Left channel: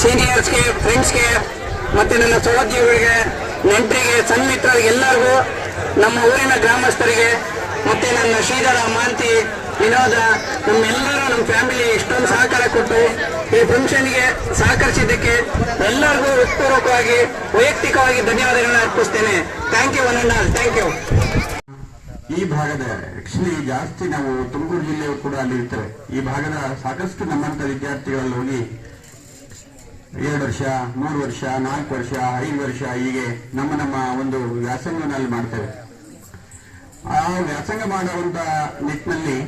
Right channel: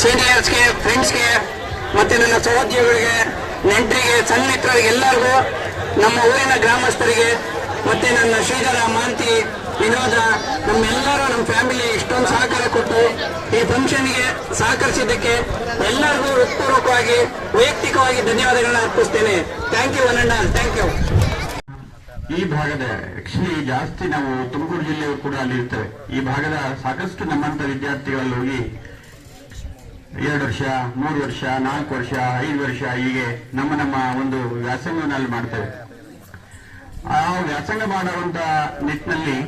ಸೀನಿಯರ್ಸ್ಗೆ, ಫ್ರೆಂಡ್ಸ್ಗೆ, ಮತ್ತೆ ನನ್ನ ಸಹೋದ್ಯೋಗಿಗಳಿಗೆ, ನೆಂಟರಿಗೆ, ಸನ್ಮಿತ್ರರಿಗೆ, ಎಲ್ಲರಿಗೂ, ನಮ್ಮ ಊರಿನ ಗ್ರಾಮಸ್ಥರಿಗೆ, ಮತ್ತೆ ನನ್ನ ಶ್ರೀಧರ, ಮಾಂತಿ, ವಿನೋದ, ನಮ್ಮೆಲ್ಲರೂ ನಮ್ಮ ಫ್ಯಾಮಿಲಿ ಇಷ್ಟೊಂದು ಸಹಕಾರ ಕೊಟ್ಟು ಈ ಫಂಕ್ಷನ್ಗೆ ಸಹಕರಿಸಿದ್ದಕ್ಕೆ ಎಲ್ಲರಿಗೂ ಹೃತ್ಪೂರ್ವಕವಾಗಿ ವೈಯಕ್ತಿಕವಾಗಿ ಧನ್ಯವಾದಗಳನ್ನ ಅರ್ಪಿಸ್ತೇನೆ. Thank you one and all. Thank you. ಈ ಭಾಗದ ಆಕ್ಚುಲಿ ಜಾಸ್ತಿ ನಾವು ತುಮಕೂರು ಜಿಲ್ಲೆಯವರು ಕೂಡ ಅಲ್ಲಿ ಇರ್ತೇವೆ. ಈ ಭಾಗದ ಸಾಕಷ್ಟು ನಮ್ಮಂತ ವಿದ್ಯಾರ್ಥಿಗಳಲ್ಲಿ ಹೋಗಿ 2 ವರ್ಷ, 3 ವರ್ಷ, 4 ವರ್ಷ, 5 ವರ್ಷ ಹೀಗೆ ನಮ್ಮ ಒಂದು ವ್ಯಾಸಂಗವನ್ನು ಮಾಡ್ತೇವೆ. ಆ ವ್ಯಾಸಂಗ ಮಾಡುವಂತ ನಿಟ್ಟಿನಲ್ಲಿ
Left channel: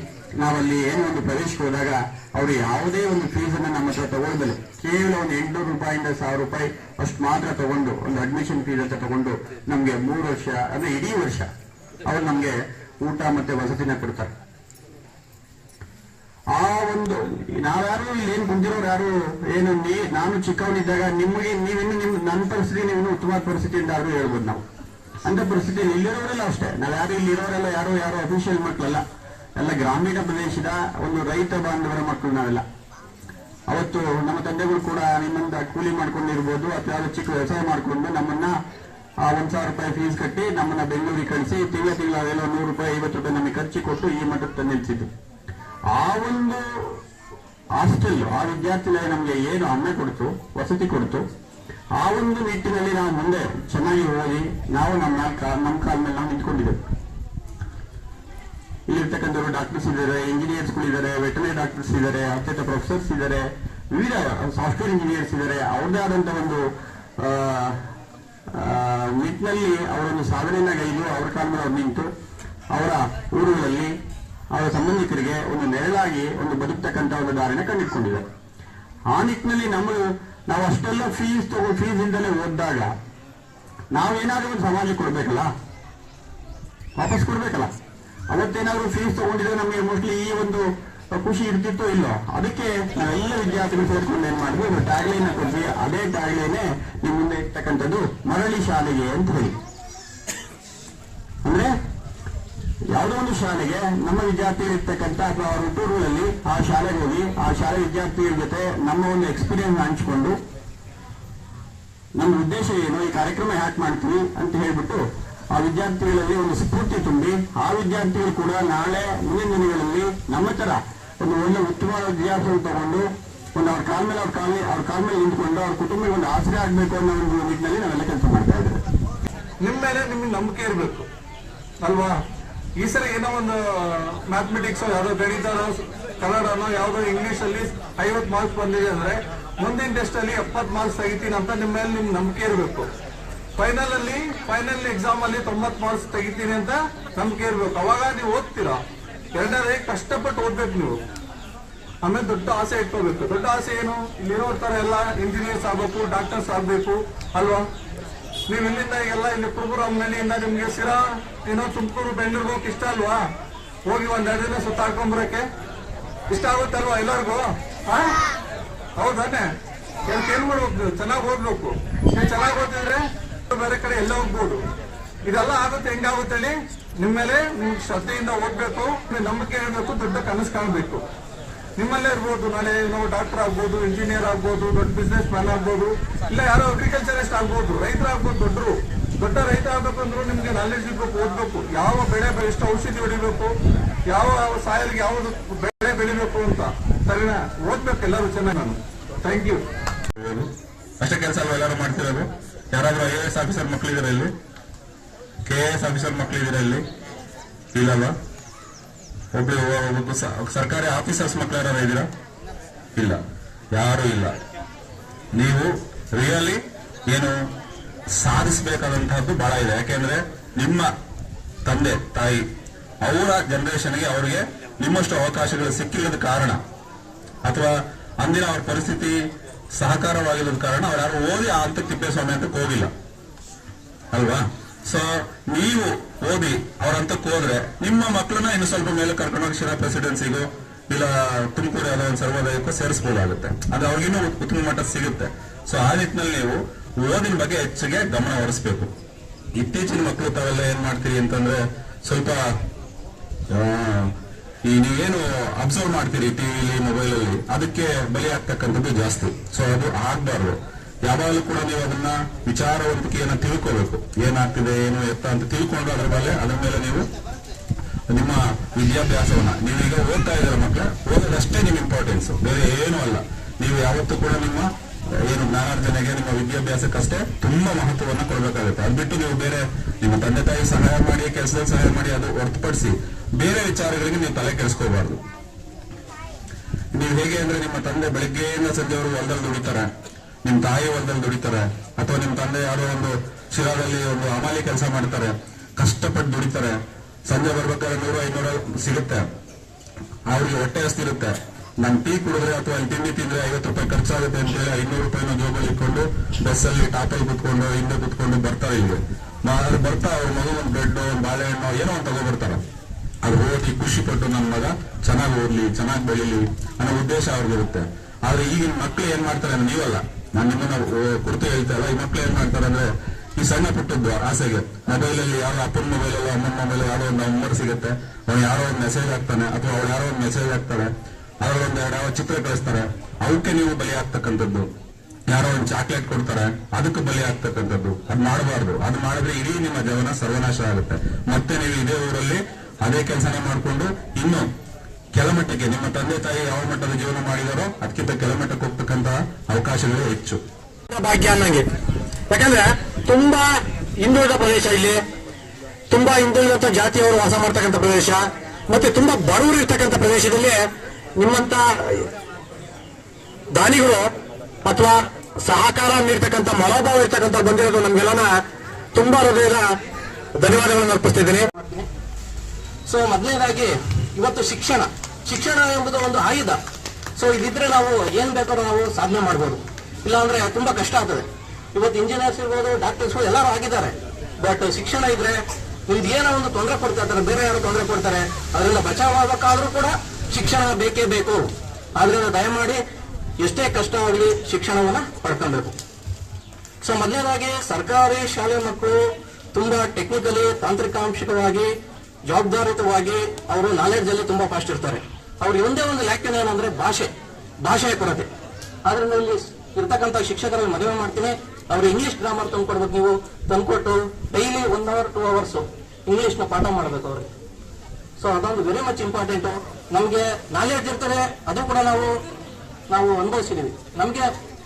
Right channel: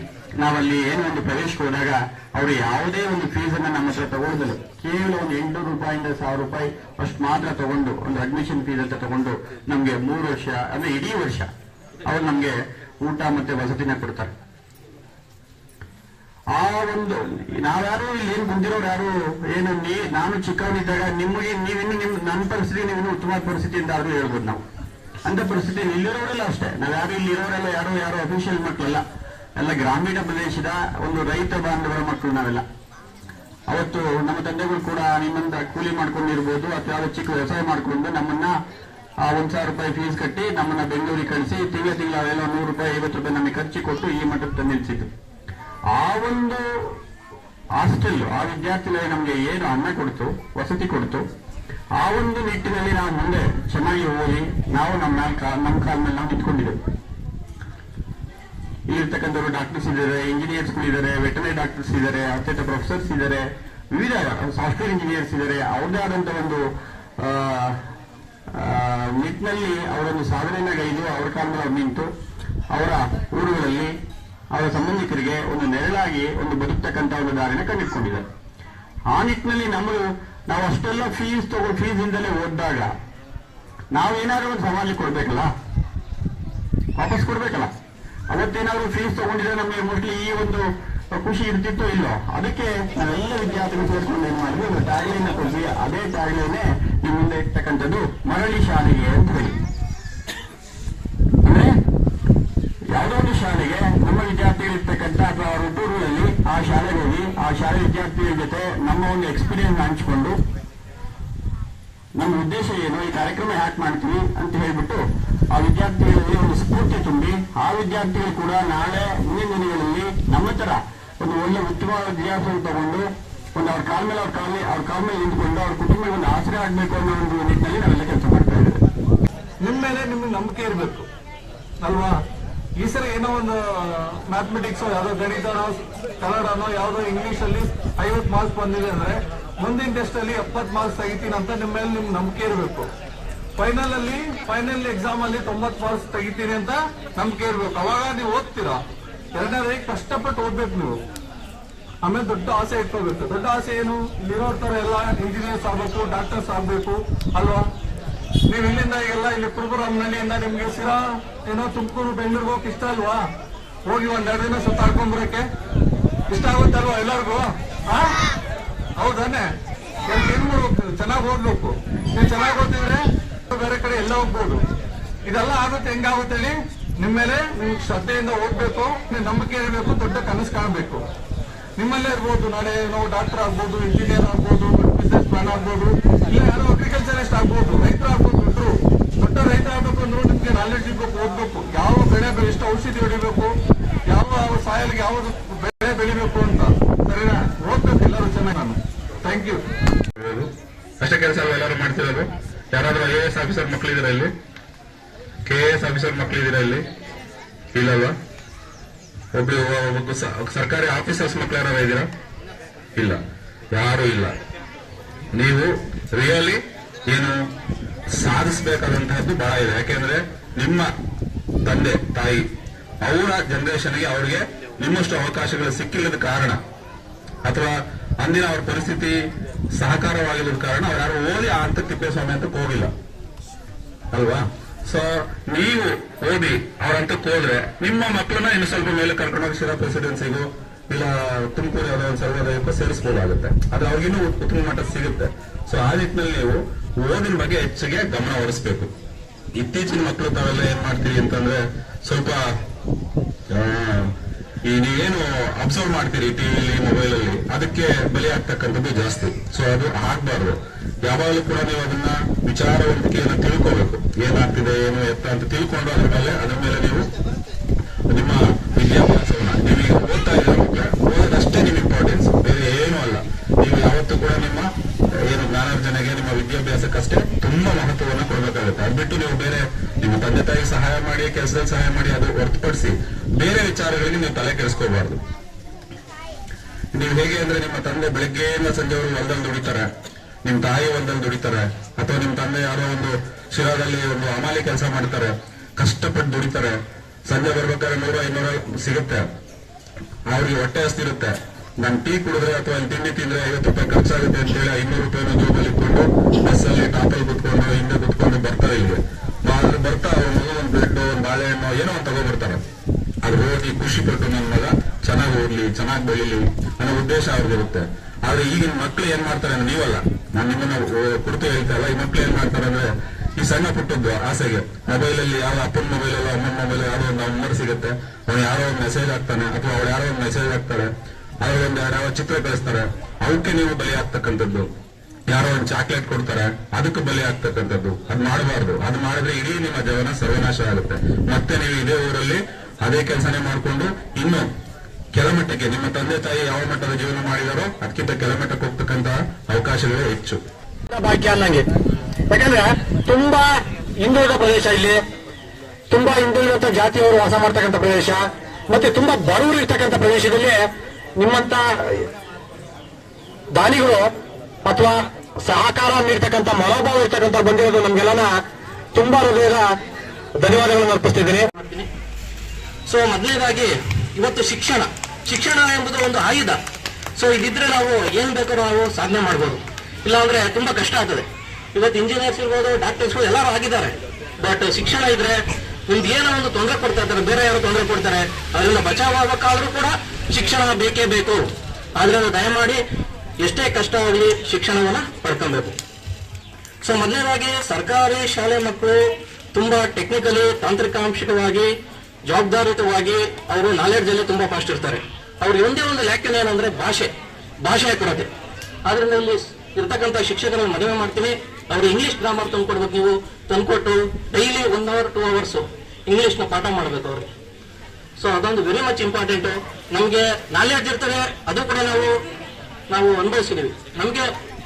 ನಾವಲ್ಲಿ ಏನೋ ಒಂದು ಪ್ರವೇಶಕ್ಕೆ ಹೋದಾಗ ಅವರು ಯಾವುದೇ ಒಂದು ಫೀಸ್ ಅನ್ನು ನಮ್ಮ ಹತ್ರ ತಗೊಳ್ಳೋದಿಲ್ಲ. ಕೇವಲ ಒಂದು 800 ರೂಪಾಯಿಂದ 1000 ರೂಪಾಯಿ ಅಷ್ಟು ಮಾತ್ರ ತಗೊಂಡು ಒಂದು ಅಡ್ಮಿಷನ್ ಫೀಸ್ ಅಂತ ತಗೊಂಡು ನಮ್ಗೆ 3 ವರ್ಷ ಅಂದ್ರೆ ಇಡೀ ವರ್ಷ ಅವರು ನಮ್ಗೆ ಊಟ ಮತ್ತೆ ವಸತಿನ ಕೊಡ್ತಾರೆ. ಆ ಒಂದು ನಾವ್ಯಾರು ಇಲ್ಲಿ ಏನ್ ಕುಂತಿರೋರು ಯಾರು ಏನು ನಾನು ಚಿಕ್ಕವನಿದ್ದಾಗ ನಿಮಗೆ ನನ್ನ ಪರಿಸ್ಥಿತಿ ನೀವು ಉತ್ತಮ ಪರಿಸ್ಥಿತಿಯಿಂದ ಯಾರು ಹೇಳ್ಬೋದು. ನಾವು ಅಂತ ಪರಿಸ್ಥಿತಿ ಇಲ್ಲಿರೋರೆಲ್ಲ ಅಷ್ಟೇ. ನಾವ್ಯಾರು ಇಲ್ಲಿ ಇರೋರೆಲ್ಲ ಯಾರು ಅಫಿಷಿಯಲ್ ಮಕ್ಕಳೆಲ್ಲ ಎಲ್ಲ ಗ್ರಾಮೀಣ ಪ್ರದೇಶದ ಒಂದು ರೈತ ಬಾಂಧವರ ಮಕ್ಕಳು ನಾವೆಲ್ಲ. ಅವತ್ತು ನಮ್ಮ ತಂದೆಗಳು ಕೂಡ ನಿಮ್ಮಂತ ಕೂಲಿ ಮಾಡ್ಕೊಂಡಿರ್ಬೋದು ಅಥವಾ ಯಾರು ಚಿಕ್ಕ ವ್ಯವಸಾಯ ಮಾಡ್ಕೊಂಡು ನಮ್ಮನ್ನ 1,000 ರೂಪಾಯಿ ಫೀಸ್ ಕಟ್ಟಿ ನಮ್ಮನ್ನ ಬೆಂಗಳೂರಿಗೆ ಕಳಿಸಿ ತಿಂಗಳ ಎಲ್ಲ 100 ರೂಪಾಯಿ 50 ರೂಪಾಯಿ ನಮಗೆ ಖರ್ಚು ಕೊಟ್ಟು ಈ ಮಟ್ಟಕ್ಕೆ ತಂದು ನಿಲ್ಸಿದ್ದು. ಆ ಒಂದು ಹಾಸ್ಟೆಲ್ ಆ ವಿದ್ಯಾರ್ಥಿಗಳಿಗೆ ನಮ್ಗೆ ಏನು ಅನ್ನ ಕೊಡ್ತು, ವಸತಿ ಕೊಡ್ತು. ಆ ಒಂದು ನಿಟ್ಟಿನಲ್ಲಿ ನಾವು ಮುಂದೆ ಚೆನ್ನಾಗಿ ಓದಿ ನಾವು ನಮ್ಮ ಕಾಲ ಮೇಲೆ ನಾವು ನಿಂತ್ಕೊಂಡಿದ್ದೇವೆ. ಇಲ್ಲಿರ್ತಕ್ಕಂಥವ್ರು ಡಾಕ್ಟರ್ಸ್ ಇದ್ದಾರೆ, ಇಂಜಿನಿಯರ್ಸ್ಗಳಿದ್ದಾರೆ, ವೆಟನರಿ ಡಾಕ್ಟರ್ಸ್ ಇದ್ದಾರೆ, ಅತ್ಯಂತ ಪ್ರೊಫೆಸರ್ಸ್ ಇದ್ದಾರೆ, ವಿವಿಧ ಸಾಫ್ಟ್ವೇರ್ ಇಂಜಿನಿಯರ್ಸ್ ಇದ್ದಾರೆ. ಅವ್ರದೇ ಆದಂತ ಒಂದು ನಿಟ್ಟಿನಲ್ಲಿ ಅವರೊಂದು ಸಾಧನೆಯನ್ನ ಗೈದು ಅವರ ಕಾಲ ಮೇಲೆ ಅವ್ರು ನಿಂತು ಅವರ ಊರುಗಳಲ್ಲಿ ಅವರ ಸಂಬಂಧಿಕರಿಗೆ ಒಂದು ನೆರಳಾಗಿ ಒಂದು ಬದುಕ್ತಕ್ಕಂಥ ಒಂದು ದಾರಿನ ಕಂಡಿಟ್ಕೊಂಡಿದ್ದಾರೆ. ಆ ನಿಟ್ಟಿನಲ್ಲಿ ನಾವು ಅಷ್ಟೆಲ್ಲ ಫೀಸ್ ಇಂದಲೇ ಓದಿದಾಗ ನಾವೇನಾದ್ರೂ ಒಂದು ಸಮಾಜಕ್ಕೆ ಕೊಡ್ಬೇಕಲ್ಲ, ವಾಪಸ್ ಕೊಡ್ಬೇಕಲ್ಲ. ಅವತ್ತೇನಾದ್ರೂ ಫೀಸ್ ತಗೊಂಡಿದ್ರೆ ನಮಗೆ ಮೋಸ್ಟ್ಲಿ ಈ ಒಂದು ಖುಷಿ ಇರ್ತಿತ್ತೋ ಇಲ್ಲೋ. ಅದಕ್ಕೆ ನಾವೆಲ್ಲ ವಿದ್ಯಾರ್ಥಿಗಳು ಸೇರ್ಕೊಂಡು ಏನ್ ಮಾಡಿದ್ವಿ, ಒಂದು ಟ್ಯಾಗ್ಲೈನ್ ಕೊಡ್ತೀವಿ. ಅದೇ ಟ್ಯಾಗ್ಲೈನೆ ಈ ಮುಂದೆ ಇರ್ತಕ್ಕಂಥದ್ದು ಮರಳಿ ಶಾಲೆಗೆ ಅಂತ ಹೇಳಿ. ಅಂದ್ರೆ ಯಾವುದೋ ಒಂದು ಶಾಲೆಗೆ ನಮ್ಮ ವಿದ್ಯಾರ್ಥಿಗಳು ಇರ್ತಕ್ಕಂಥ ಅಥವಾ ಅವರ ಟೂರ್ಗಳಲ್ಲಿ ಆ ಶಾಲೆಗೆ ಹೋಗಿ ಆ ಶಾಲೆ ವಿದ್ಯಾರ್ಥಿಗಳ ಜೊತೆ ನಮ್ಮ ಒಂದು ಎಕ್ಸ್ಪೀರಿಯನ್ಸ್ ಹಂಚಿಕೊಂಡು ನಮ್ಮ ಉದ್ದೇಶ ಏನು, ಈ ಕಾರ್ಯಕ್ರಮ ಯಾಕೆ ಮಾಡ್ತೀವಿ ಅಂತ ಹೇಳ್ಬಿಟ್ಟು ಆ ವಿದ್ಯಾರ್ಥಿಗಳಲ್ಲಿ ಒಂದು ಸ್ಫೂರ್ತಿ ತುಂಬಿ ಆ ವಿದ್ಯಾರ್ಥಿಗಳು ಕೂಡ ನಾಳೆ ಮುಂದಿನ ದಿನಗಳಲ್ಲಿ ನಮ್ಮ ತರ ಒಂದು ಒಳ್ಳೆ ಉತ್ತಮ ವಿದ್ಯಾರ್ಥಿಗಳು ತಗೊಂಡು ಒಂದು ಅವ್ರ ಕಾಲ ಮೇಲೆ ನಿಂತ್ಕೊಂಡು ಅವ್ರ ಕುಟುಂಬಕ್ಕೆ ಒಂದು ಆಸರೆ ಆಗ್ಬೇಕು ಅನ್ನೋ ಒಂದು ನಿಟ್ಟಿನಲ್ಲಿ ನಾವೆಲ್ಲ ಕೆಲಸ ಮಾಡ್ತಾ ಇದ್ದೇವೆ. ನಿಮ್ಮ ಮೇಲೆ ನಿಮ್ಗೆ ನಂಬಿಕೆ ಇರಬೇಕು ಅಲ್ವಾ? ಈ ಸರಿ ಏನೋ ಒಂದು ಮ್ಯಾಥಮೆಟಿಕ್ಸ್ ಯಾವ್ದೋ ಗಣಿತನೋ ಕನ್ನಡನೋ ಯಾವ್ದೋ ಇಂಗ್ಲಿಷ್ ಅಲ್ಲಿ 50 ಮಾರ್ಕ್ಸ್ ಬಂದಿದೆ ಅಂದ್ರೆ ಮುಂದಿನ ಟೆಸ್ಟ್ ಅಲ್ಲಿ 70 ಮಾರ್ಕ್ಸ್ ತೆಗಿತೀನಿ ಅಂತ ನಿಮ್ಮ ಮೇಲೆ ನಿಮ್ಗೆ ನಂಬಿಕೆ ಇರಬೇಕು. ಫೈನಲ್ ಎಕ್ಸಾಮ್ ಅಲ್ಲಿ 90 ಮಾರ್ಕ್ಸ್ ತೆಗಿತೀನಿ ಅಂತ ನಂಬಿಕೆ ಇರಬೇಕು. ಅವಾಗ ನೀವು ಓದ್ತೀರಾ. ಎರಡನೇದಾಗಿ ಕಷ್ಟಪಟ್ಟು ಓದ್ಬೇಕು ನೀವು. ಆಮೇಲೆ ದೊಡ್ಡ ಆಸೆ ಇಟ್ಕೋಬೇಕು. ದೊಡ್ಡ ಆಸೆ ಏನು? ಇಲ್ಲಿರೋ ತರ ಎಲ್ಲ ಇಂಜಿನಿಯರ್ಸ್ ಆಗ್ಬೇಕು, ಡಾಕ್ಟರ್ಸ್ ಆಗ್ಬೇಕು ಅಲ್ವಾ? ನೀವು ಇಲ್ಲಿಂದ ಇಲ್ಲಿ ಪ್ರೋಗ್ರಾಮ್ನಲ್ಲಿ ನಿಮ್ಗೆ ಸಿರಾ ಏನೋ ತುಮಕೂರು ಬೆಂಗಳೂರಿಗೆ ಹೋಗಕ್ಕೆ ಇಷ್ಟ ಅಲ್ವಾ? ಹೋಗಿ 1-2 ದಿನ ಸುತ್ತಾಡ್ಕೊಂಬರಕ್ಕೆ ಇಷ್ಟ ಆಗುತ್ತಲ್ವಾ ಎಲ್ಲರಿಗೂ? ಹೌದಾನೆ? ಏನ್ ಮಾಡ್ಬೇಕು ನೀವು? ಚೆನ್ನಾಗಿ ಓದ್ಬೇಕು. ನೀವು ಚೆನ್ನಾಗಿ ಓದಿದ್ರೆ ಬೇರೆ ಕಡೆ ಎಲ್ಲ ಹೋಗ್ಬೋದು. ಇದೆಲ್ಲ ಆಗುತ್ತೆ. ಹೆಂಗಾಗುತ್ತೆ ಹೇಳಿ? ನಿಮ್ಮ ಮೇಲೆ ನೀವು ಶ್ರದ್ಧೆಯಿಂದ ಓದ್ಬೇಕು, ನೀವು ನಂಬಿಕೆ ಇರಬೇಕು, ದೊಡ್ಡ ಕನಸು ಕಾಣಬೇಕು. ನಿಮ್ಮಲ್ಲೇ ಇರ್ಬೋದು. ನಾಳೆ ನಾವು ಡಾಕ್ಟರ್ ಆಗ್ಬೋದು, ಇಂಜಿನಿಯರ್ ಆಗ್ಬೋದು, ದೊಡ್ಡ ಬಿಸ್ನೆಸ್ ಮ್ಯಾನ್ ಆಗ್ಬೋದು, ಇಲ್ಲ ಯಾರೋ ಅಗ್ರಿಕಲ್ಚರಿಸ್ಟ್ ಆಗ್ಬೋದು, ರೈತರಾಗ್ಬೋದು. ದೊಡ್ಡ ರೈತ ಆಗ್ಬೇಕು ಅಂದ್ರೂ ನಿಮ್ಗೆ ನಾಲೆಡ್ಜ್ ಇರ್ಬೇಕು, ಓದ್ಬೇಕು. ಯಾವ ಬೆಳೆ ಎಷ್ಟು ಔಷಧಿ ಹೊಡಿಬೇಕು, ಯಾವ ಸಾಯಲ್ಗೆ ಯಾವ್ದು ಬೆಳೆ ಬೆಳಿಬೇಕು ಅಂತ ಸರಿನಾ? ಓದ್ಬೇಕು ಎಲ್ಲರೂ ಚೆನ್ನಾಗಿ. ನಾನು ಥ್ಯಾಂಕ್ ಯು. ಅಷ್ಟೇ ಕೆಲಸ ಅಲ್ವಾ ಎಲ್ಲರೂ ಮಾಡ್ತಿರೋದು? ಯಾರಾದ್ರೂ IAS ಆಫೀಸರ್ ಮಕ್ಕಳಿದ್ದೀರಾ ಇಲ್ಲಿ? KAS ಆಫೀಸರ್ ಮಕ್ಕಳಿದ್ದೀರಾ ಇಲ್ಲಿ? ಇಲ್ಲಲ್ವಾ? ಒಬ್ಬ ಸರ್ಕಾರಿ ಆಫೀಸರ್ಸ್ ಮಕ್ಕಳು ಯಾರು ಇದ್ದೀರಾ? ಇಲ್ಲ, ಯಾರು ಇಲ್ಲ. ನೀವು ರಿಯಲಿ ಏನು ಸಾಧಿಸಬೇಕಾದಂತಹದ್ದು ಬಹಳ ಇದೆ. ಯಾಕೆಂದ್ರೆ ನಿಮ್ಮ ತಂದೆ ತಾಯಿ ಅವರ ಜನರೇಷನ್ಗೆ ಅವರಿಗೆ ನಿಮ್ಮಷ್ಟು ಅವಕಾಶಗಳು ಸಿಕ್ಕಿಲ್ಲದ ಕಾರಣ ಅಥವಾ ಅಂದಿನ ಅವ್ರ ಪರಿಸ್ಥಿತಿ ಸಹಕಾರವಾಗಿಲ್ಲದ ಕಾರಣ ಅವ್ರು ಯಾರು ಓದಿ ಆರ್ಥ ತಿಪ್ಪೇಸ್ವಾಮಿ ಅಂತ ಹೋಗಿಲ್ಲ ಅಲ್ವಾ? ಸೊ ನೀವು ಓದಿ ಅವ್ರ ಹಂತಕ್ಕೆ ಹೋದ್ರೆ ನಿಮ್ಮ ಮಕ್ಕಳನ್ನ ಇನ್ನು ಸ್ವಲ್ಪ ಮೇಲೆ ಕರ್ಕೊಂಡೋಗಿ ಶಿರಾ ಪ್ರೆಸಿಡೆನ್ಸಿಗೂ ಇಲ್ಲ ತುಮಕೂರು ಯಾವುದೋ ಒಂದು ಸರ್ವೋದಯಕ್ಕೂ ಸೇರಿಸಬಹುದಾಗುತ್ತೆ. ಅದು ಅವ್ರಿಗಿನ್ನೂ ಉತ್ತಮ ಮಟ್ಟ ಸಿಗುತ್ತೆ. ಸೊ ಆ ನಿಟ್ಟಿನಲ್ಲಿ ನೀವು ಓದಿನ ಬಗ್ಗೆ ಹೆಚ್ಚಿಗೆ ಗಮನ ಹರಿಸಬೇಕು. ಇತ್ತೀಚಿನ ಮಕ್ಕಳು ತಾವೆಲ್ಲ ಏನ್ ಮಾಡ್ತೀವಿ ಅಂತಂದ್ರೆ ಸ್ವಲ್ಪ ಈ ನೀವೇನು ಅಬ್ಸರ್ವ್ ಮಾಡ್ತೀರಿ ಟಿವಿಲಿ ಮೊಬೈಲಲ್ಲಿ ಅದಕ್ಕೆ ಬಲಿ ಆಗ್ತಕ್ಕಂಥದ್ದು ಜಾಸ್ತಿ. ಸೊ ಅದು ಆಗ್ಬಾರ್ದು. ಯಾವಾಗಲೂ ಕೂಡ ನೀವು ಅದನ್ನ ವಿಚಾರವಂತಿಕೆಯನ್ನು ತಿಳ್ಕೋಬೇಕು, ಏನಾಗ್ತಿದೆ ಏನು ಎತ್ತ ಅಂತ ತಿಳ್ಕೊಂಡು ಅದ್ರ ಮೇಲೆ ನೀವು ನಿಮ್ಮ ವಿದ್ಯಾಭ್ಯಾಸವನ್ನ ನೀವೀಗ ಓದ್ತಾ ಇದ್ದೀರ ಮಕ್ಕಳೇ, ಓದೋದಷ್ಟೇ ನಿಮ್ ಇಂಪಾರ್ಟೆನ್ಸ್, ಬೇರೆ ಏನೂ ಅಲ್ಲ. ನೀವು ಯಾವತ್ತೂ ಕೂಡ ನಿಮ್ಮ ಏನು ಜ್ಞಾನಾರ್ಜನೆಗೆ ನಿಮ್ಮ ವಿದ್ಯಾಭ್ಯಾಸಕ್ಕಷ್ಟೇ ತುಂಬಾ ಮಹತ್ವವನ್ನು ಕೊಡಬೇಕಾಗುತ್ತೆ. ಅದು ಬಿಟ್ಟು ನೀವು ಬೇರೆ ನಿಮ್ಮ ತಂದೆ ತಾಯಿ ಸಹಾಯ ಮಾಡಿ, ಕೆಲಸದಲ್ಲಿ ಸಹಾಯ ಮಾಡಿ ಅದು ಹೊರತುಪಡಿಸಿ ಬೇರೆ ವಿಚಾರಗಳಿಗೆ ನೀವು ತಲೆ ಕೆಡಿಸ್ಕೋಬಾರ್ದು. ನೀವು ಹೇಗೆ ಅಂದ್ರೆ ನಿಮ್ಮ ತಂದೆ ಬೆಳಗ್ಗೆಯಿಂದ ಸಂಜೆವರು ಹೊಲದಲ್ಲಿ ದುಡಿತಾರೆ, ನಿಮ್ ತಾಯಿ ಹೊಲದಲ್ಲಿ ದುಡಿತಾರೆ, ಅಥವಾ ನಿಮ್ ತಂದೆ ಯಾರೋ ಒಂದು ಶಿಲಾದಲ್ಲಿ ಒಂದು ಹಮಾಲಿ ಕೆಲಸ ಮಾಡ್ತಾರೆ, ಕಷ್ಟಪಟ್ಟು ದುಡಿತಾರೆ, ಸಂಜೆ ಬರ್ಬೇಕಾದ್ರೆ 100-500 ಸಿಗುತ್ತೆ, ಅವ್ರಿಗೆ ಹೊಟ್ಟೆ ಹಸ್ತಿರುತ್ತೆ. ನಾನು ಟೀ ಕುಡಿದ್ರೆ ಅಥವಾ ಅಲ್ಲಿ ತಿಂಡಿ ತಿಂದ್ರೆ 50 ರೂಪಾಯಿ ಖರ್ಚಾಗುತ್ತೆ ಅಂತ ಹೇಳಿ 500 ರೂಪಾಯಿನ ಜೋಬಲ್ಲಿ ಇಟ್ಕೊಂಡು ಬಸ್ಸಲ್ಲಿ ಟಾಪಲ್ಲಿ ಕುತ್ಕೊಂಡು ಹಿಂದೆ ಕುತ್ಕೊಂಡು ಬರ್ತಾರೆ ಇಲ್ಲಿಗೆ. ಬರ್ತಾ ಅವ್ರ ಮಗು ಒಂದು ಬ್ರೆಡ್ ಒಂದು ಬಾಳೆಹಣ್ಣು ಏನೋ ಒಂದು ತಗೋಬರ್ತಾರೆ. ಅದು ಓದಿ ಖುಷಿ ಪಟ್ಟು ನನ್ನ ಮಗ ಚೆನ್ನಾಗಿ ಓದ್ಲಿ, ಚೆನ್ನಾಗಿ ಬೆಳೀಲಿ ಅನ್ನೋ ಉದ್ದೇಶ ಅವ್ರಿಗಿರುತ್ತೆ. ಆದ್ರೆ ಈಗಿನ ಮಕ್ಳು ಏನ್ ಮಾಡ್ತಾರೆ ಅಂದ್ರೆ, ನೀವಲ್ಲ, ನಾನು ನಿಮ್ಮನ್ನ ಕುರಿತು ಹೇಳ್ತಾ ಇಲ್ಲ, ಈ ಮಕ್ಳು ಏನ್ ಮಾಡ್ತಾರೆ ಅಂದ್ರೆ ಈ ಸಣ್ಣ ಪುಟ್ಟದ್ದು ಆಸೆಗೆ ಮೊಬೈಲ್ ಅಲ್ಲಿ ಯಾರೋ ಅಪ್ಪನ ಮೊಬೈಲ್ ಅಲ್ಲ ಅಮ್ಮನ ಮೊಬೈಲ್ ಯಾರೋ ಒಂದು ನಂಬರ್ ಸಿಗುತ್ತೆ, ಅವ್ನು ಯಾರೋ ಒಂದು ಮೆಸೇಜ್ ಹಾಕ್ತಾನೆ ಅಥವಾ ಅವ್ಳು ಯಾರೋ ಒಂದು ಮೆಸೇಜ್ ಹಾಕ್ತಾರೆ, ಅದ್ರೊಂದು ಯಾವ ಚಿತ್ರ ಕಳಿಸ್ತಾರೆ, ಅವಕ್ಕೆ ನೀವು ಬಲಿ ಆಗ್ತಕ್ಕಂಥದ್ದು. ಯಾರೋ ಒಂದು ಚಾಕ್ಲೇಟ್ ಕೊಡ್ತಾರೆ, ಅದಕ್ಕೆ ಬಲಿ ಆಗ್ತಕ್ಕಂಥದ್ದು. ಅದು ಮಾಡಬಾರ್ದು. ಅದು ಮಾಡಿದ್ರೆ ಇಡೀ ನಿಮ್ಮ ಜೀವನ ಸರ್ವನಾಶ ಆಗುತ್ತೆ. ಮತ್ತೆ ನೀವು ಇದೇ ಊರಲ್ಲಿ ಅದೇ ಕೆಲಸನೇ ಮಾಡಿಕೊಂಡು ಇನ್ನು ಕೆಳಮಟ್ಟಕ್ಕೆ ನಿಮ್ಮ ತಂದೆ ತಾಯಿ ಯಾವ ಮಟ್ಟದ ಜೀವನ ಮಾಡಿದಾರೋ ಅದಕ್ಕಿಂತ ಕೆಳಮಟ್ಟಕ್ಕೆ ಹೋಗ್ತಕ್ಕಂತಹ ಅವಕಾಶಗಳು ಹೆಚ್ಚು. ಭಾಗ್ಯ ಅನ್ನಂಗೆ, ಯಾಕಂದ್ರೆ ತುಂಬಾ ಹಿಂದುಳಿದ ಪ್ರದೇಶ, ಇಲ್ಲಿ ತುಂಬಾ ಹಿಂದುಳಿದ ಜಾತಿಯವರು ವಾಸ ಮಾಡ್ತಕ್ಕಂಥ ಪ್ರದೇಶ, ಮತ್ತೆ ತುಂಬಾ ಬಡವರು ಇರ್ತಕ್ಕಂಥ ಪ್ರದೇಶದಲ್ಲಿ ನಿಮ್ಮಂತ ದಾನಿಗಳು ಅಥವಾ ಸಹಕಾರ ನೀಡ್ತಕ್ಕಂಥ ಮನೋಭಾವ ಇರ್ತಕ್ಕಂಥ ಬಂದಿರೋದು ನಮ್ಗೆಲ್ಲನ ತುಂಬಾ ಹೃದಯದ ಧನ್ಯವಾದಗಳನ್ನು ಅರ್ಪಿಸ್ತಿದ್ದೀನಿ. ಸೊ ಮೊದಲನೇದಾಗಿ ಇವತ್ತು ಶಿಕ್ಷಣ ಎಂಬುದು ಒಂದು ಆಯುಧ. ಸೊ ಇದಿದ್ರೆ ನಾವು ಏನ್ ಬೇಕಾದ್ರೂ ನಾವು ಸಾಧನೆ ಮಾಡ್ಬೋದು, ಇಲ್ಲಾಂದ್ರೆ ತುಂಬಾ ಕಷ್ಟ ಆಗ್ತದೆ. ಇವತ್ತು ಇಂಜಿನಿಯರ್ಸ್ ಇರ್ಬೋದು, ಡಾಕ್ಟರ್ಸ್ಗಳು ಎಲ್ಲರೂ ಆಗಿದ್ದಾರೆ. ಬಟ್ ಶಿಕ್ಷಣ ಇದ್ರೆ ನಿಮ್ದು ಏನೋ ಒಂದು ತೊಂದರೆ ಕೊಡ್ತಾ ಇರ್ತಾರೆ, ಬೇರೆ ಯಾರು ತೊಂದರೆ ಕೊಡ್ತಾರೆ, ಅದರಿಂದ ಬಚಾವ್ ಆಗಬೇಕಾದ್ರೂ ಕೂಡ ಶಿಕ್ಷಣ ಬೇಕೇ ಬೇಕು. ಆದ್ರಿಂದ ದಯಮಾಡಿ ಎಷ್ಟೇ ಕಷ್ಟ ಆಗಲಿ ಶಿಕ್ಷಣವನ್ನ ಪಡ್ಕೊಬೇಕು. ಸೊ ಮೊದಲನೇದಾಗಿ ಸರ್ಕಾರಿ ಶಾಲೆ ಮಕ್ಕಳು ತುಂಬಾ ಟೆಕ್ನಿಕಲಿ, ತಾಂತ್ರಿಕಾಂಶಿಕವಾಗಿ, ಜವಾಬ್ದಾರಿತವಾಗಿ ಅವರು ನಾಲೆಡ್ಜ್ ಅಲ್ಲಿ ತುಂಬಾ ಫಾಸ್ಟ್ ಇರ್ತಾರೆ. ಅವ್ರಿಗೆ ಒಂದೇ ಒಂದು ಲ್ಯಾಕಿನ್ ಏನಂದ್ರೆ ಭಾಷೆಯ ಕೊರತೆ. ಆದ್ರಿಂದ ಇಲ್ಲಿ ಇರ್ತಕ್ಕಂಥ ಶಿಕ್ಷಕರಲ್ಲಿ ಮನವಿ ಮಾಡ್ತೀನಿ, ಅವ್ರಿಗೆ ಇಂಗ್ಲಿಷ್ ಗ್ರಾಮರ್ ತಂದ್ಕೊಡ್ಬೇಕು. ನೀವು ತಂದ್ಕೊಟ್ಟು ಡೈಲಿ 1 hour 2 hours ಇಂಗ್ಲಿಷ್ನ ಪಾಠ ಮಾಡ್ಬೇಕು ಅವ್ರಿಗೆ. ಸೊ ಅದೊಂದು ವೆರಿ ಮಚ್ ಇಂಪಾರ್ಟೆಂಟ್. ನಮ್ಗೆ ನಾಲೆಡ್ಜ್ ಇರ್ತದೆ, ಅದು ಕೂಡ ನಾವು ಅನುಭವಿಸಿದೀವಿ. ನಮ್ಗೆ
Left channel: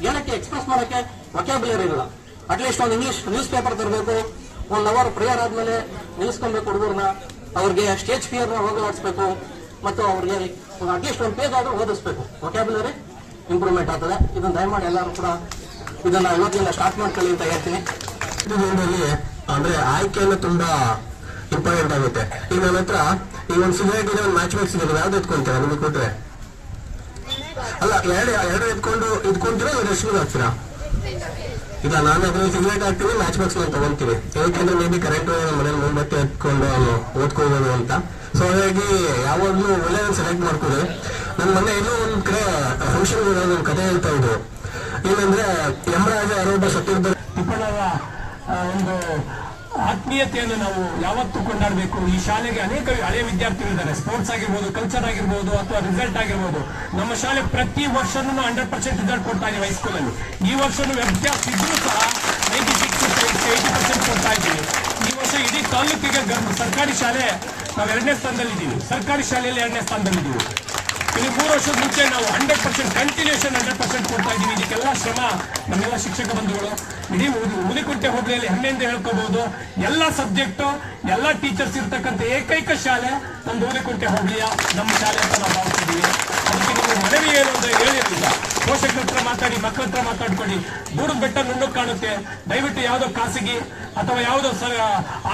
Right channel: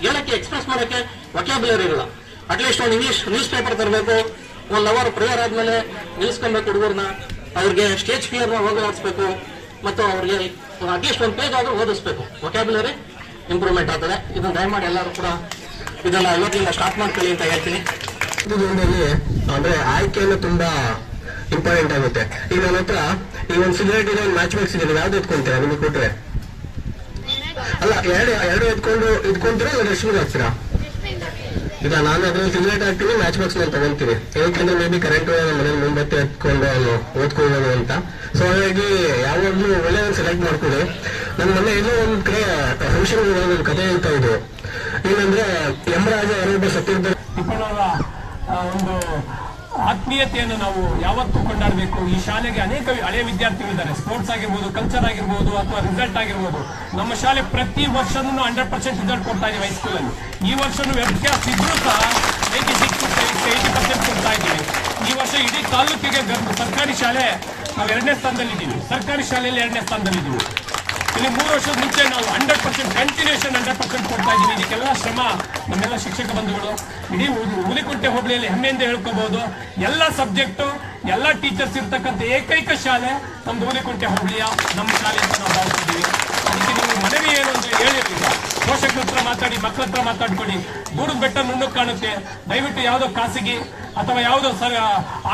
ಏನಕ್ಕೆ ಎಕ್ಸ್ಪ್ರೆಸ್ ಮಾಡಕ್ಕೆ ವೊಕ್ಯಾಬ್ಯುಲರಿ ಇರಲ್ಲ. ಅಟ್ಲೀಸ್ಟ್ ಒಂದು ಇಂಗ್ಲಿಷ್ ನ್ಯೂಸ್ ಪೇಪರ್ ತರಬೇಕು, 1 hour ಪ್ರೇಯರ್ ಆದ್ಮೇಲೆ ನಿಲ್ಲಿಸ್ಕೊಬೇಕು ಹುಡುಗರನ್ನ, ಅವ್ರಿಗೆ ಸ್ಟೇಜ್ ಫಿಯರ್ನ ಹೋಗಲಾಡಿಸ್ಬೇಕು, ಮತ್ತು ಅವ್ರಿಗೆ ಅಟ್ಲೀಸ್ಟ್ 1 ಪೇಜ್ ಆದ್ರೂ ಓದಿಸ್ಬೇಕು. ವೊಕ್ಯಾಬ್ಯುಲರಿ ಇಂಪ್ರೂವ್ಮೆಂಟ್ ಆಗ್ತದೆ. ಇದನ್ನ ದಯಮಾಡಿ ಎಲ್ಲರೂ ಕೂಡ ಇದನ್ನ ಇವತ್ತಿಂದ ಸ್ಟಾಪ್ ಮಾಡ್ಕೊಳ್ಳಿ ಅಂತ ಹೇಳ್ತೀನಿ. ಇದರಲ್ಲಿ ಅಂದ್ರೆ ಆಯ್ಕೆಯನ್ನು ತುಂಬಾ ಇಂಪಾರ್ಟೆಂಟ್ ಆಗುತ್ತೆ. ಈಗ ನನ್ನ ಹತ್ರ ಈ ಒಂದು ಸಿಗರೇಟ್ ಇದೆ, ಒಂದು ಮ್ಯಾಚ್ ಬಾಕ್ಸ್ ಇದೆ, ನೀವು ಯಾವ್ದು ಎತ್ಕೊಂತೀರಾ? ನಿಮಗೆ ಕೊಟ್ರೆ ಅಲ್ಲ, ಎರಡು ಎತ್ಕೊಂತೀರಾ ಇಲ್ಲ ಡಸ್ಟ್ಬಿನ್ ಹಾಕ್ತೀರಾ? ಈಗ ನಾನು ಅದ್ರಲ್ಲಿ ಸಿಗರೇಟ್ ಹಾಕ್ತೀನಿ, ಮ್ಯಾಚ್ ಬಾಕ್ಸ್ ನಾನು ತಗೊಂತೀನಿ. ಯಾಕಂದ್ರೆ ಮೇ ಬಿ ಕರೆಂಟ್ ಮನೇಲಿ ಮುಂಬತ್ತೆ ಎತ್ಕೊಂಡು ಓದ್ಕೊಳ್ಬೋದು ಅಂತ. ಸೊ ಹಾಗಾಗಿ ಯಾವಾಗ್ಲೂ ಒಳ್ಳೆಯದನ್ನು ಸೆಲೆಕ್ಟ್ ಮಾಡ್ಕೊಳ್ಳಿ. ನನ್ನ ಮೊನ್ನೆ ಎಲ್ಲೋ ಒಂದ್ ಕಡೆ ಫಂಕ್ಷನ್ ಒಂದು ಕಥೆ ಹೇಳ್ತಾ ಇದ್ರು. ಏನಂದ್ರೆ ಯಮರಾಜ ಯಾರೊಬ್ಬ ಸತ್ತಿರ್ತಾರೆ. ತಿಪ್ಪಣ್ಣರ ಒಂದು ಆತ್ಮೀಯತೆಯನ್ನು ನಾವು ಯಾವತ್ತೂ ಕೊಂಡಾಡಬೇಕು. ಈ ಶಾಲೆಗೆ ಅನೇಕ ಹಳೆಯ ವಿದ್ಯಾರ್ಥಿಗಳಿದ್ದಾರೆ. ಸ್ಪೋರ್ಟ್ಸ್ ಆಗಿರ್ಬೋದು, ಕಲ್ಚರ್ ಆಗಿರ್ಬೋದು, ಅಥವಾ ರಿಸಲ್ಟ್ ಆಗಿರ್ಬೋದು. ನಮ್ಮ ಶಾಲೆ ಪ್ರತಿ ವರ್ಷನೂ 100% ರಿಸಲ್ಟ್ ಕೊಡ್ತಾ ಇದೆ ಹೈಸ್ಕೂಲಲ್ಲಿ. ಈ ವರ್ಷನೂ ವ್ಯತ್ಯಾಸ ಇದ್ರೂ ಸಹ 96-80% ಕೊಡ್ತಾ ಇದ್ದೀವಿ. ಈ ವರ್ಷ ಇಡೀ ತಾಲೂಕಿಗೆ ಸರ್ಕಾರಿ ಶಾಲೆ ನಾವು 2ನೇ ಸ್ಥಾನದಲ್ಲಿದ್ದೀವಿ. ಸರ್ಕಾರಿ ಶಾಲೆಯಲ್ಲಿ 2ನೇ ಸ್ಥಾನದಲ್ಲಿದ್ದೀವಿ. ಇಲ್ಲಿ 3 ವರ್ಷದ ಮುಂಚೆ ನಾವು 100% ಕಂಟಿನ್ಯೂಷನ್ 100% ಕೊಡ್ತಾ ಇದ್ದೀವಿ. ಇದಕ್ಕೆಲ್ಲ ಶ್ರಮ ನಮ್ಮೆಲ್ಲ ಶಿಕ್ಷಕ ಬಂಧುಗಳು. ಇಡೀ ಹುಲಿಕುಂಟೆ ಹೋಬಳಿಯಲ್ಲಿ ಹೆಮ್ಮೆಯಿಂದ ಹೇಳ್ಕೋಬಹುದು, ಎಲ್ಲ ಸಬ್ಜೆಕ್ಟು ಎಲ್ಲ ಟೀಚರ್ಸ್ ಇರ್ತಕ್ಕಂಥ ಏಕೈಕ ಶಾಲೆ ನಮ್ದು ಹುಲಿಕುಂಟೆ ಹೋಬಳಿಯ ನಮ್ಮ ಶಾಲೆ ಅಂತ ನಾವು ಭಾವಿಸಿದ್ದೀವಿ. ಮನವಿ ಏನು ಅಂತ ಹೇಳಿರಲಿಲ್ಲ. ಪೋಷಕರ ಹತ್ರ ಮಾತಾಡಿ, ಮಕ್ಕಳ ಹತ್ರ ಮಾತಾಡ್ಕೊಳ್ಳಿ. ದೂರದ ಬೆಟ್ಟ ನುಣ್ಣಗೆ ಕಾಣುತ್ತೆ. ದಯವಿಟ್ಟು ಯಾವುದೋ ಖಾಸಗಿ ಅಥವಾ ಯಾವುದೋ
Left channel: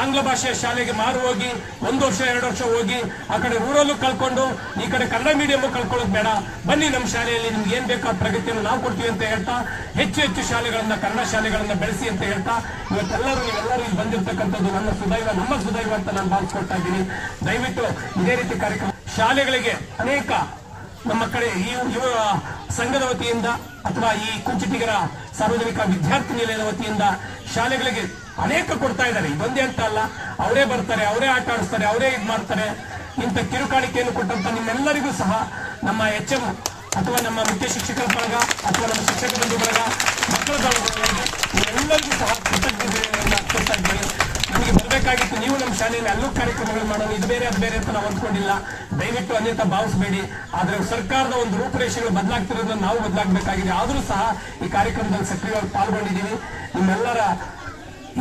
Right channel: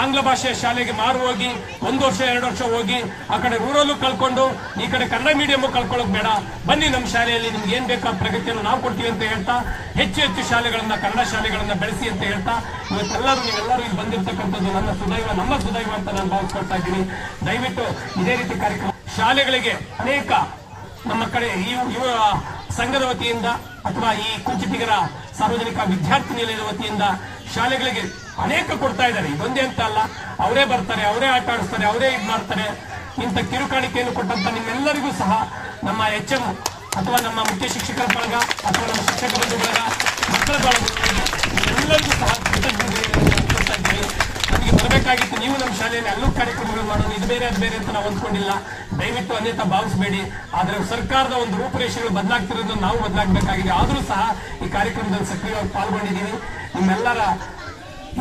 ಆಂಗ್ಲ ಭಾಷೆಯ ಶಾಲೆಗೆ ಮಾರು ಹೋಗಿ 1 ವರ್ಷ 2 ವರ್ಷ ಹೋಗಿ ಆ ಕಡೆ ರೂರಲ್ಲೂ ಕಳ್ಕೊಂಡು ಈ ಕಡೆ ಕನ್ನಡ ಮೀಡಿಯಂ ಕಳ್ಕೊಳ್ಳೋದು ಬೇಡ. ಬನ್ನಿ ನಮ್ಮ ಶಾಲೆಯಲ್ಲಿ ನಿಮ್ಗೆ ಏನ್ ಬೇಕಾದ ಪ್ರಗತಿಯನ್ನು ನಾವು ಕೊಡ್ತೀವಿ ಅಂತ ಹೇಳ್ತಾ, ಹೆಚ್ಚು ಶಾಲೆಗಳನ್ನ, ಕನ್ನಡ ಶಾಲೆಗಳನ್ನ ಬೆಳೆಸಿ ಅಂತ ಹೇಳ್ತಾ, ನೀವೆಲ್ಲರೂ ಇಲ್ಲಿ ಬಂದಿರತಕ್ಕಂಥದ್ದು ನಮ್ಮ ಸುದೈವ ಅಂತ ನಾನು ಭಾವಿಸ್ಕೊಳ್ತಾ ಇದ್ದೀನಿ. ದಯವಿಟ್ಟು ಇದೇ ರೀತಿ ಕಾರ್ಯಕ್ರಮ ಶಾಲೆಗಳಿಗೆ ಅನೇಕ ನಮ್ಮ ಕಡೆ ಯುವ ಸಂಘದ ವತಿಯಿಂದ ಅಥವಾ ಈ ಕುಂಚಿಟಿಗರ ಸಾರ್ವಜನಿಕ ವಿದ್ಯಾರ್ಥಿ ನಿಲಯದ ವತಿಯಿಂದ ಶಾಲೆಗಳಿಗೆ ಅನೇಕ ಕೊಡ್ತಾ ಇದ್ದಾರೆ. ಇದೊಂದೇ ಅಂತ ಅಲ್ಲ, ಅವರೇ ಬರ್ತಾರೆ, ಅವರೇ ಆಟ ಆಡಿಸ್ತಾರೆ, ಅವರೇ ಇದು ಮಾಡ್ತಾರೆ. ಇಂಥ ಕಿರುಕಾಣಿಕೆಯನ್ನು ಕೊಟ್ಟಂತ ನಿಮ್ಮೆಲ್ಲರಿಗೂ ಸಹ ನಮ್ಮ HM ಅಥವಾ ನಮ್ಮ ಮುಖ್ಯ ಶಿಕ್ಷಕರ ಬಳಗ ಅಥವಾ ನಮ್ಮ ಶಿಕ್ಷಕ ಬಂಧು ಬಳಗ, ಮಕ್ಕಳ ಬಳಗಗಳಿಗೆ ಎಲ್ಲರಿಗೂ ಸಹ ಕೃತಜ್ಞತೆಯನ್ನು ಅರ್ಪಿಸ್ತಾ ಇದ್ದೀವಿ. ನಮಗೆ ಬರಬೇಕಾಗಿತ್ತು, ನೀವು ನಮ್ಮ ಶಾಲೆಯಲ್ಲಿ ಅಲ್ಲೂ ಕಾರ್ಯಕ್ರಮಗಳು ಮಾಡೋಣ, ಇದು ಬೇರೆ ಅದು ಬೇರೆ ಅಂತ ನಾವು ಅಂದ್ಕೊಂಡಿಲ್ಲ. ದಯವಿಟ್ಟು ಅನ್ಯತಾ ಭಾವಿಸಬೇಡಿ. ಆದರೆ ಸರ್ಕಾರದ ಒಂದು ರೂಪುರೇಷೆಗಳು ಬದಲಾಗ್ತಿರೋದನ್ನು ನಾವು ಬದಲಾಗಬೇಕಾಗಿದೆ. ಆದರೂ ಸಹ ಈ ಕಾರ್ಯಕ್ರಮದಲ್ಲಿ ಸಕ್ರಿಯವಾಗಿ ಪಾಲ್ಗೊಂಡಿದ್ದೀವಿ. ನಿಮ್ಮೆಲ್ಲರ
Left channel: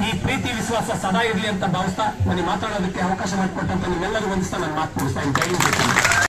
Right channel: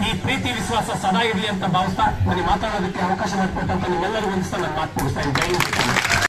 ಈ ಪ್ರೀತಿ ವಿಶ್ವಾಸ ಸದಾ ಇರಲಿ ಅಂತ ಭಾವಿಸ್ತಾ ನನಗೆ ಮಾತಾಡೋದಕ್ಕೆ ಅವಕಾಶ ಮಾಡಿಕೊಟ್ಟಂತ ನಿಮ್ಮೆಲ್ಲರೂ ವಂದಿಸ್ತಾ ನಾನು ಮಾತು ಮುಗಿಸ್ತಾ ಇದ್ದೀನಿ. ಜೈ ಹಿಂದ್.